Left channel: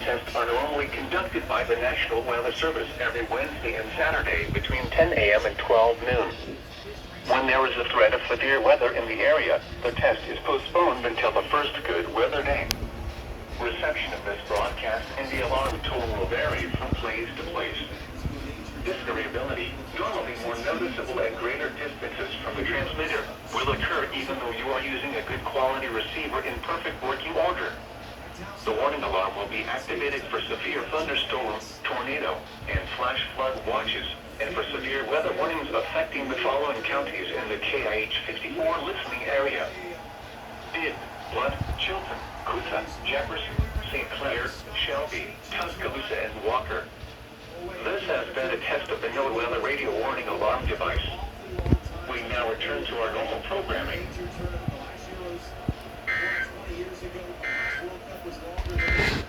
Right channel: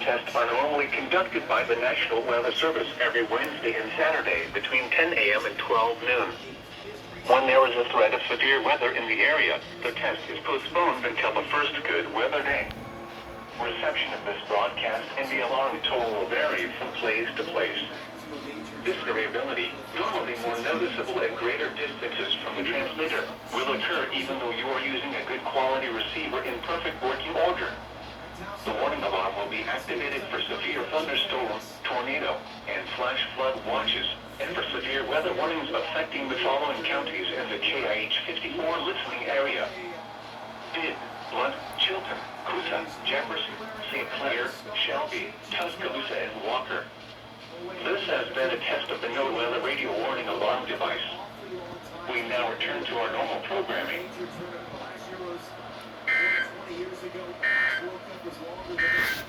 Tests are normally conducted by the National Weather Service every Wednesday and Saturday between 10 a.m. and 12 noon. When there is a threat of severe weather in the area, the test is postponed until the first good weather day. Reception of this broadcast and the alarm tone will vary from place to place. This variability, normally more noticeable at greater distances from the transmitter, will occur even though you are using a good quality receiver in perfect working order. The warning alarm will be activated for severe thunderstorm, tornado, and flash flood watches, and for severe weather warnings affecting the following counties in the KIH 54 listening area: Bibb, Blunt, Chilton, Coosa, Jefferson, St. Clair, Shelby, Tuscaloosa, and Walker. This has been a test of the NOAA radio warning alarm device. We now return to our normal programming. Years ago, 20 years ago, World Cup was longer than